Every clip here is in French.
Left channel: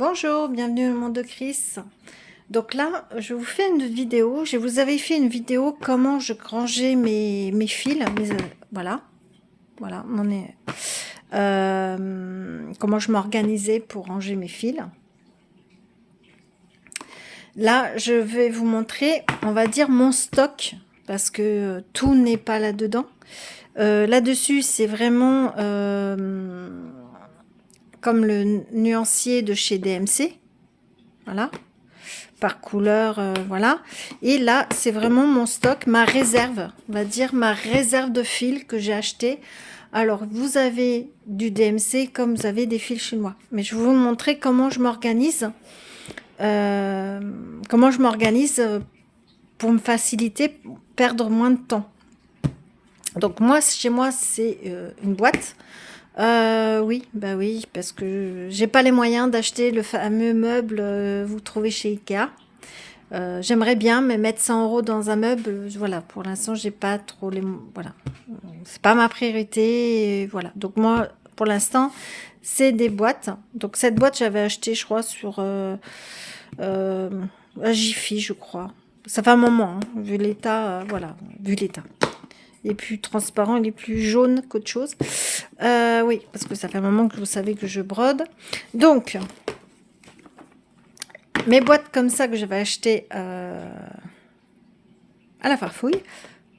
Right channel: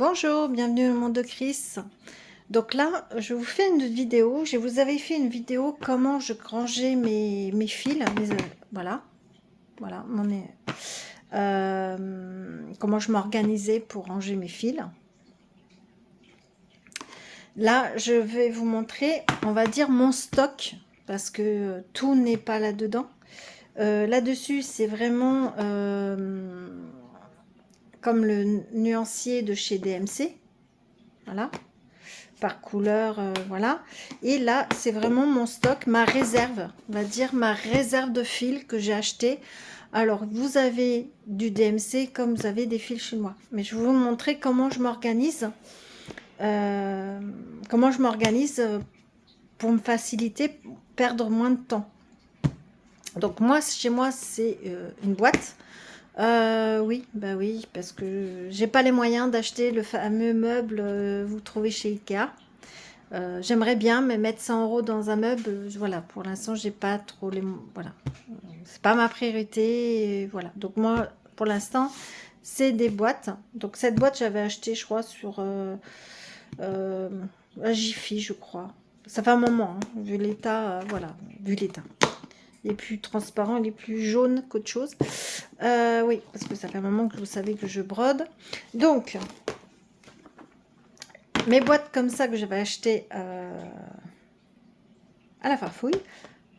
Bonjour, bienvenue au monde de Chris. Donc là, je vous fais une vidéo. Je vous avais fait une vidéo comment je rangeais mes fils. Voilà, voilà, comment je m'organisais pour ranger mes fils. Là, je vais vous montrer, on va dire, mon stock, parce que tout n'est pas là-dedans. Là-dessus, c'est vraiment comme le nuancier de chez DMC. Voilà. Par couleur, voilà. Et là, c'est vraiment mon stock, ma réserve, on va dire ma réserve de fils que j'ai acheté. Alors, vous avez du DMC comme vous avez des fils chinois. Mais je vais vous montrer comment je m'organise. Pour me faciliter, perdre moins de temps. Donc, moi, chez moi, c'est une boîte. Oui, bah oui, parce que j'ai pas les moyens d'acheter le fameux meuble vous trouvez chez Ikea. J'aimerais bien, mais mettre 100 € dans un meuble, voilà, pour l'instant, j'ai pas trop les... Voilà, c'est pas ma priorité, voilà. Donc moi, pour l'instant, c'est des boîtes. Donc cette boîte, j'avais acheté, je crois, sur la Jiffy, je crois. Ça fait un moment, hein, vu l'état, voilà, vu l'état. Il est plus transparent, il est plus jaune qu'autre chose. Oui, parce que ça fait un moment que vous savez que je brode. Donc, mes boîtes comme ça que j'avais achetées à la farfouille.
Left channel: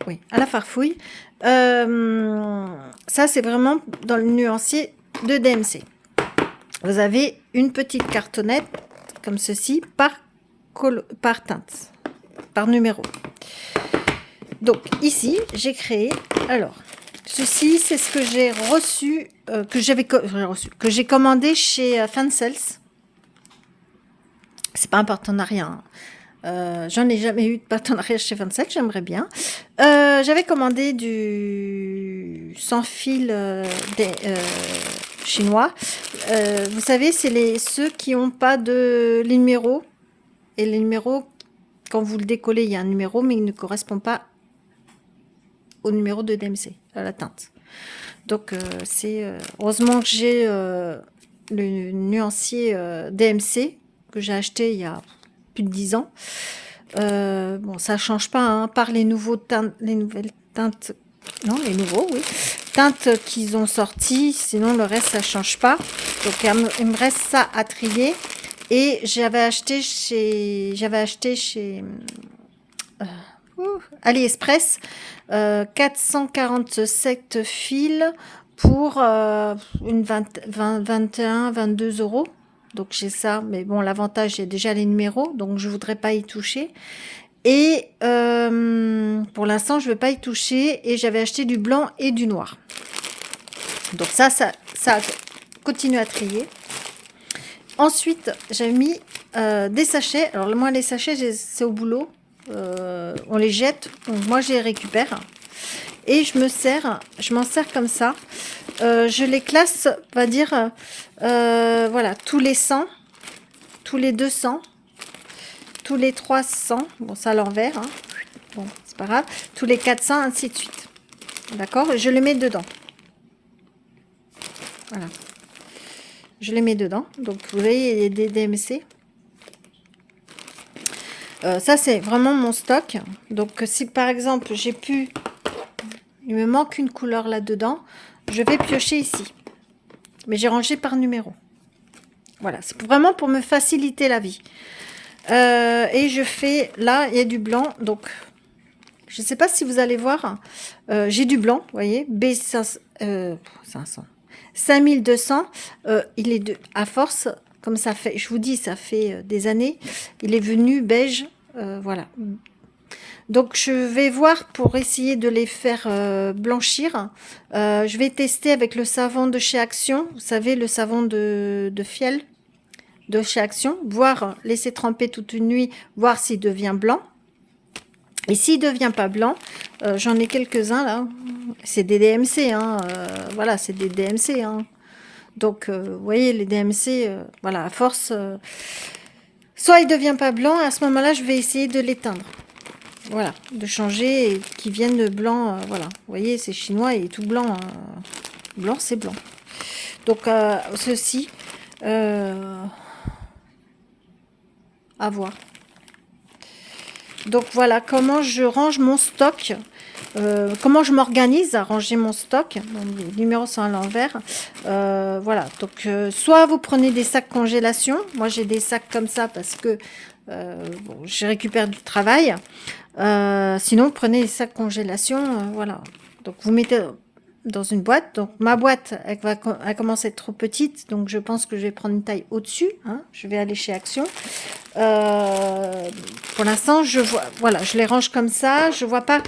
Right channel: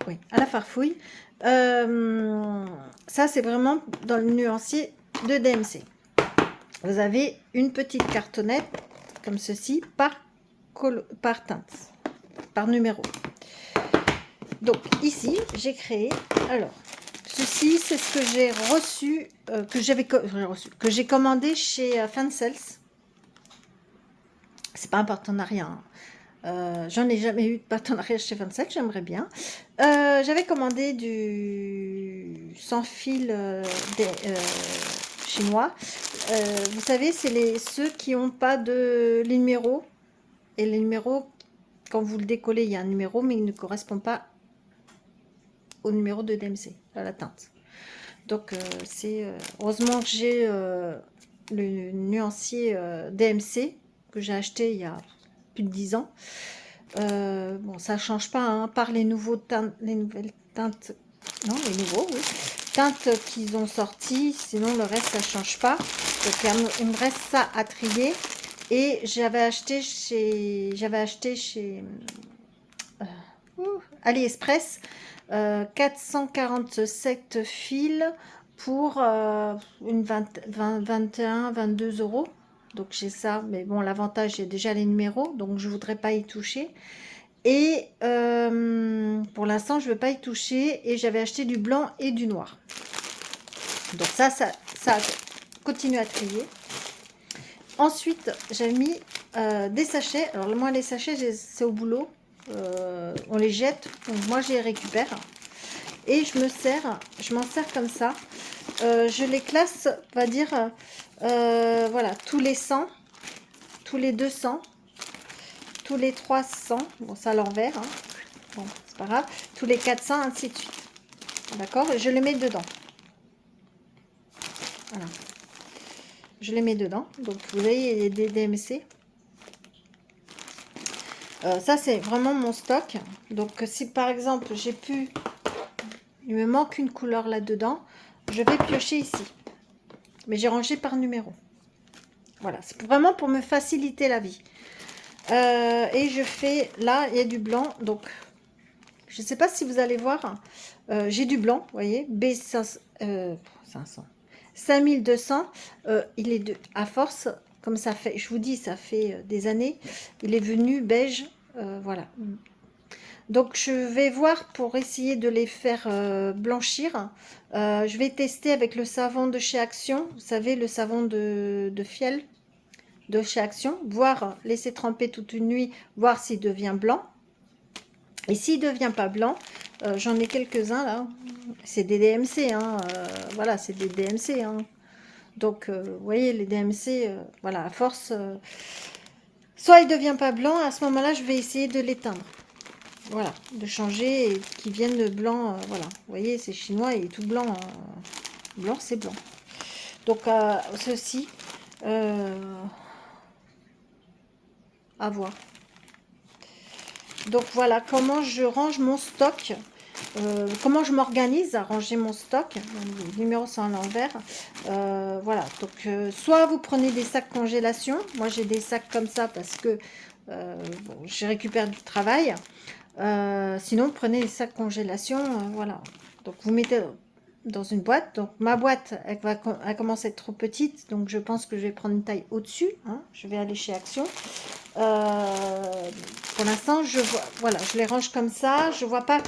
Oui, à la farfouille. Ça, c'est vraiment dans le nuancier de DMC. Vous avez une petite cartonnette comme ceci par teinte, par numéro. Donc ici, j'ai créé. Alors, ceci, c'est ce que j'ai reçu, que j'ai commandé chez Fancels. C'est pas un partenariat. Hein. J'en ai jamais eu de partenariat chez 27, j'aimerais bien. J'avais commandé du sans fil chinois. Vous savez, c'est ceux qui n'ont pas de numéro. Et les numéros, quand vous le décollez, il y a un numéro, mais il ne correspond pas au numéro de DMC, à la teinte. Donc, heureusement que j'ai le nuancier DMC que j'ai acheté il y a plus de 10 ans. Bon, ça change pas, hein, par les nouvelles teintes, non, les nouveaux, oui, teintes qu'ils ont sorties, sinon le reste ça change pas. Donc il me reste ça à trier. Et j'avais acheté chez AliExpress 447 fils pour une 21, 22 €. Donc j'ai ça, mais bon, l'avantage, j'ai déjà les numéros, donc je voudrais pas y toucher. Et pour l'instant, je ne vais pas y toucher. Et j'avais acheté du blanc et du noir. Donc ça continue à trier. Ensuite, j'ai mis des sachets. Alors moi, les sachets, c'est au boulot. On les jette. Donc moi, je les récupère. Et je m'en sers comme ça. Je les classe, on va dire, voilà, tous les 100, tous les 200, tous les 300, bon ça à l'envers, hein. Bon c'est pas grave, tous les 400, ainsi de suite, d'accord, je les mets dedans, voilà, je les mets dedans, donc vous voyez, il y a des DMC, ça c'est vraiment mon stock. Donc si par exemple il me manque une couleur là dedans, je vais piocher ici, mais j'ai rangé par numéro, voilà, c'est vraiment pour me faciliter la vie. Et je fais, là, il y a du blanc, donc je ne sais pas si vous allez voir, j'ai du blanc, vous voyez, B500, 500, 5200, il est à force, comme ça fait, je vous dis, ça fait des années, il est venu beige, voilà. Donc je vais voir pour essayer de les faire blanchir. Je vais tester avec le savon de chez Action, vous savez, le savon de fiel de chez Action, voir, laisser tremper toute une nuit, voir s'il devient blanc. Et s'il ne devient pas blanc, j'en ai quelques-uns là, c'est des DMC, hein, voilà, c'est des DMC. Hein. Donc, vous voyez, les DMC, voilà, à force, soit il ne devient pas blanc, à ce moment-là, je vais essayer de l'éteindre. Voilà, de changer et qu'ils viennent blanc, voilà. Vous voyez, c'est chinois et tout blanc. Blanc, c'est blanc. Donc, ceci... à voir. Donc voilà comment je range mon stock, comment je m'organise à ranger mon stock. Les numéros sont à l'envers. Voilà, donc soit vous prenez des sacs congélation. Moi j'ai des sacs comme ça parce que bon, je récupère du travail. Sinon vous prenez des sacs congélation, voilà. Donc vous mettez dans une boîte. Donc ma boîte elle commence à être trop petite, donc je pense que je vais prendre une taille au-dessus, hein. Je vais aller chez Action. Pour l'instant je vois, voilà, je les range comme ça. Je vois pas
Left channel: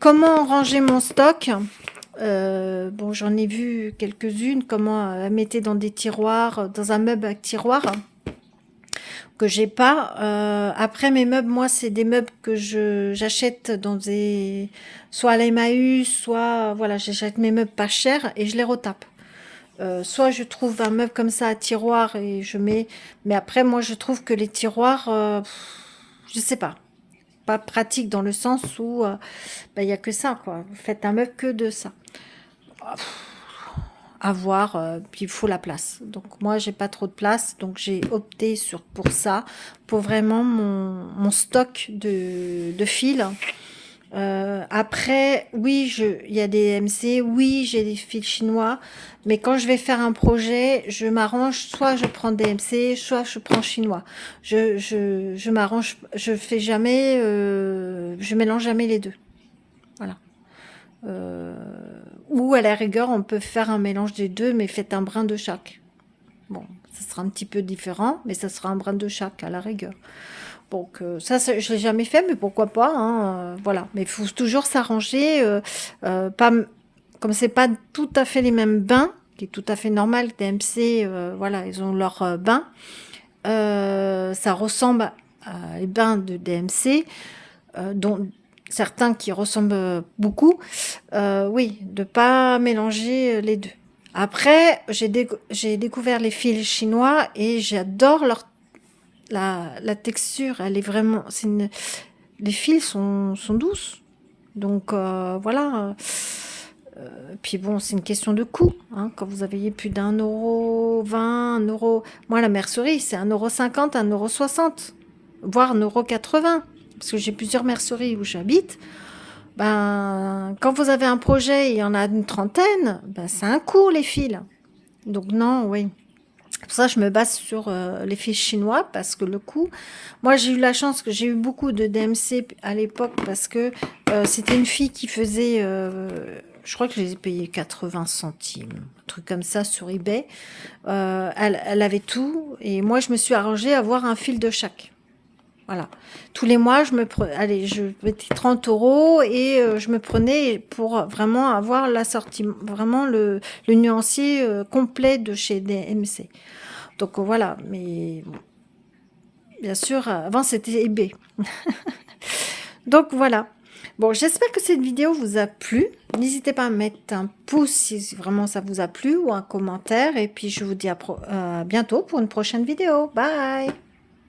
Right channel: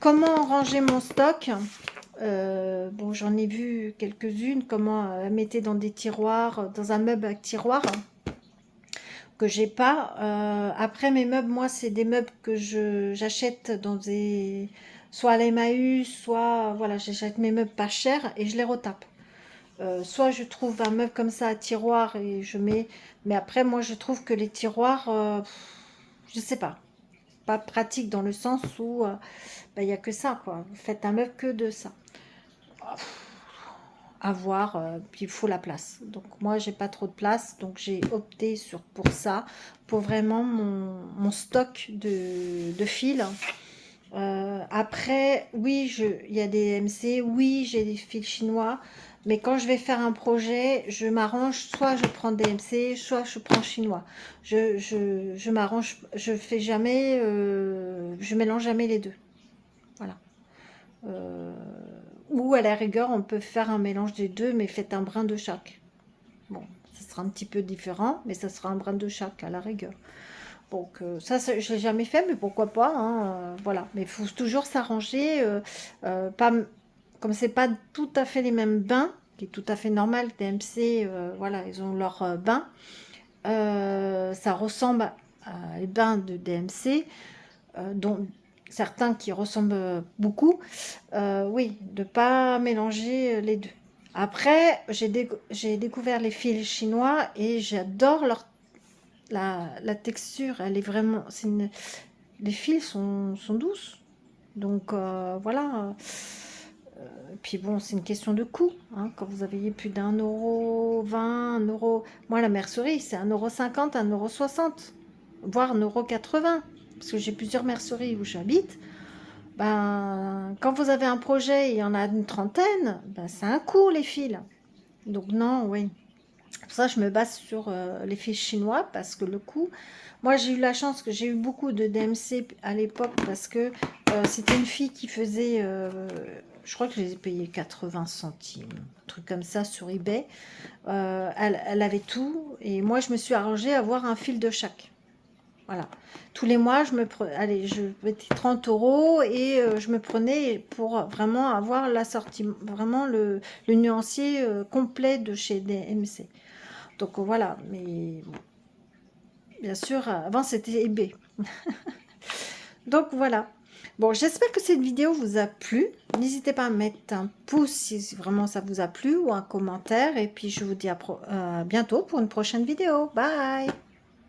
comment ranger mon stock. Bon, j'en ai vu quelques-unes, comment la mettre dans des tiroirs, dans un meuble avec tiroir que j'ai pas. Après mes meubles, moi c'est des meubles que j'achète dans des, soit à l'Emmaüs, soit voilà, j'achète mes meubles pas chers et je les retape. Soit je trouve un meuble comme ça à tiroir et je mets, mais après moi je trouve que les tiroirs, je sais pas pratique dans le sens où bah, il y a que ça quoi. Vous faites un meuble que de ça. À voir, puis il faut la place. Donc moi j'ai pas trop de place, donc j'ai opté pour ça, pour vraiment mon stock de fils. Après, oui, il y a des MC, oui, j'ai des fils chinois, mais quand je vais faire un projet, je m'arrange, soit je prends des MC, soit je prends chinois. Je m'arrange, je fais jamais, je mélange jamais les deux. Voilà. Euh, ou à la rigueur, on peut faire un mélange des deux, mais faites un brin de chaque. Bon, ça sera un petit peu différent, mais ça sera un brin de chaque à la rigueur. Donc ça, je l'ai jamais fait, mais pourquoi pas, hein, voilà. Mais il faut toujours s'arranger, pas, comme c'est pas tout à fait les mêmes bains, qui est tout à fait normal. DMC, voilà, ils ont leur bain. Ça ressemble à les bains de DMC, dont certains qui ressemblent beaucoup. Oui, de pas mélanger les deux. Après, j'ai découvert les fils chinois et j'adore la texture. Elle est vraiment, les fils sont douces. Donc voilà. Puis bon, c'est une question de coût, hein. Quand vous avez plus d'1,20 €, 1 €. Moi, la mercerie, c'est 1,50 €, 1,60 €, voire 1,80 €. Parce que j'ai plusieurs merceries où j'habite. Ben, quand vous avez un projet, il y en a une trentaine, ben, c'est un coût, les fils. Donc non, oui. Pour ça, je me base sur les fils chinois parce que le coût... Moi, j'ai eu la chance que j'ai eu beaucoup de DMC à l'époque parce que c'était une fille qui faisait... je crois que je les ai payés 80 centimes, un truc comme ça sur eBay. Elle avait tout et moi, je me suis arrangée à avoir un fil de chaque. Voilà. Tous les mois, allez, je mettais 30 € et je me prenais pour vraiment avoir l'assortiment, vraiment le nuancier complet de chez DMC. Donc voilà, mais bien sûr, avant c'était eBay. Donc voilà. Bon, j'espère que cette vidéo vous a plu. N'hésitez pas à mettre un pouce si vraiment ça vous a plu ou un commentaire. Et puis je vous dis à bientôt pour une prochaine vidéo. Bye!